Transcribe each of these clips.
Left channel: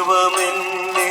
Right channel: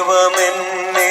ദൈവമെന്നേ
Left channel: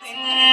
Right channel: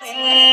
呜。